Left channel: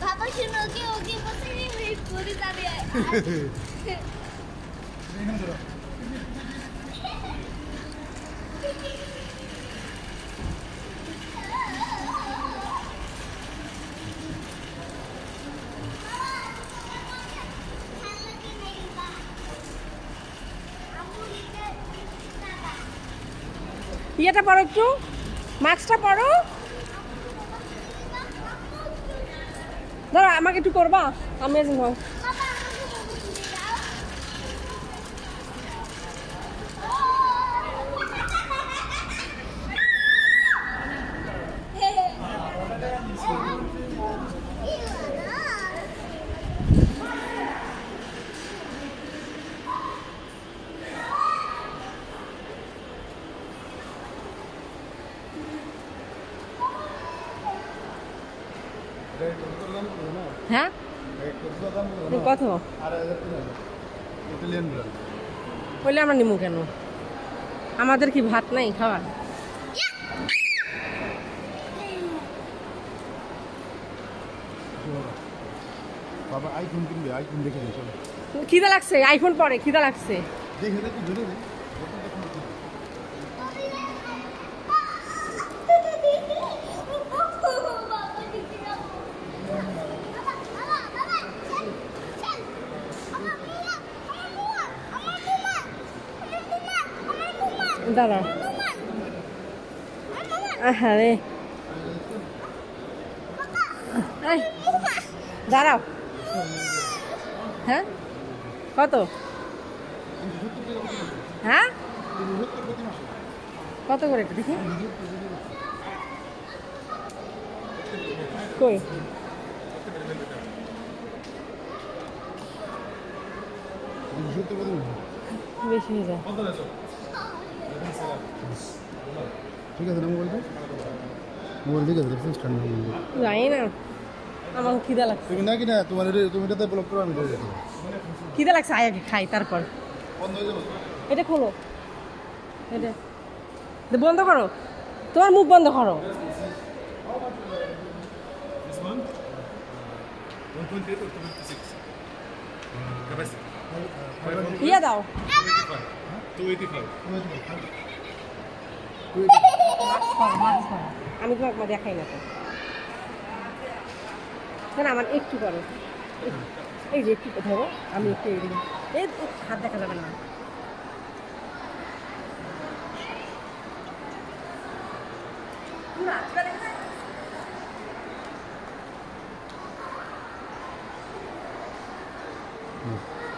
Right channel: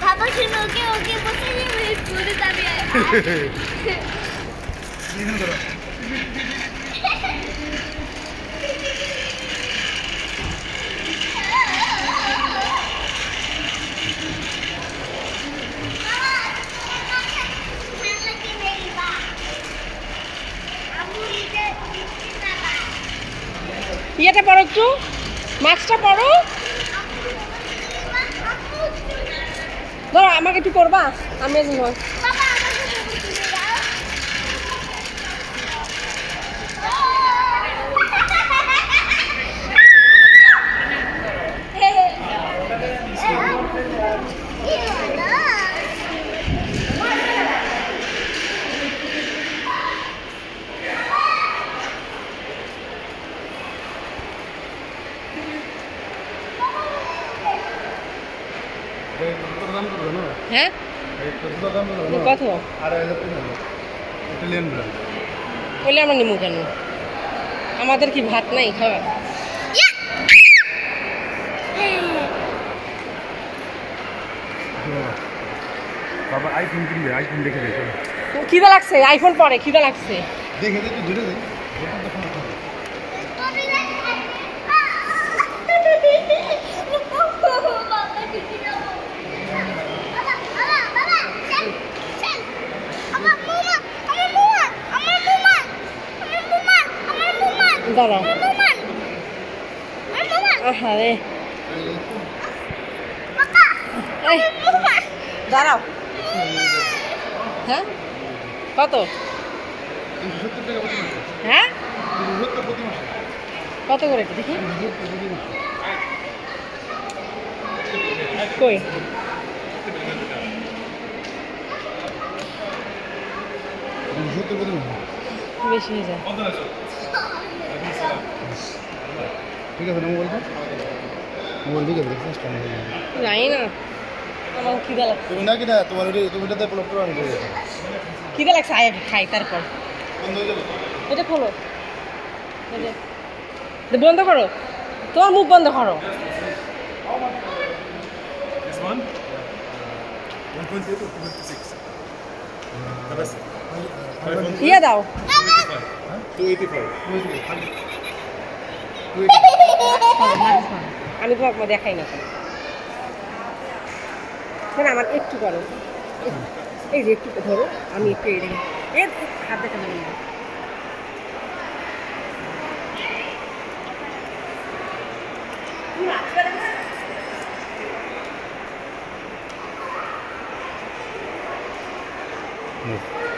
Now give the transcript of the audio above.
Papa শুনো ওকে ওকে বসে নিয়ে ঘুরে যাবে এখানে ধরো ইয়েটা পড়ো একটু মাস্কটা পড়ো ধরো আমাকে একটু করবা আমি হয় হ্যাঁ কত বলে আমরা নিমু কেন আমাদের কি ভাত নাই খাবার বাবা আইফোন কিনবে আইফোন দেখে দে চলো খিদা লাগছে আইফোন পরে খিদা লাগছে দেখে দে তুই ধরে দে দাঁড়া হ্যাঁ রে দাঁড়াও হ্যাঁ কত হ্যাঁ কত করে দেখি কই বেশি হয়ে যায় ঠিক আছে না মোবাইলটা মোবাইল দিকে দেখছিস কেন জানি না আমার খিদা লাগছে তুমি না কিনা তোমার তুমি এটাতে ব্লক করে আমি দেবো খিদা লাগছে আয় আগে খাই তারপর এটা খোলো এটা বন্ধ করো তোমার মুখ বন্ধ করো ইয়ে দাও 285 আমি তোমাকে দেখাই না কেন আমার একটু করো এই যে একটু ধরো আমি একটু এই হাত দেখা যাবে না হুম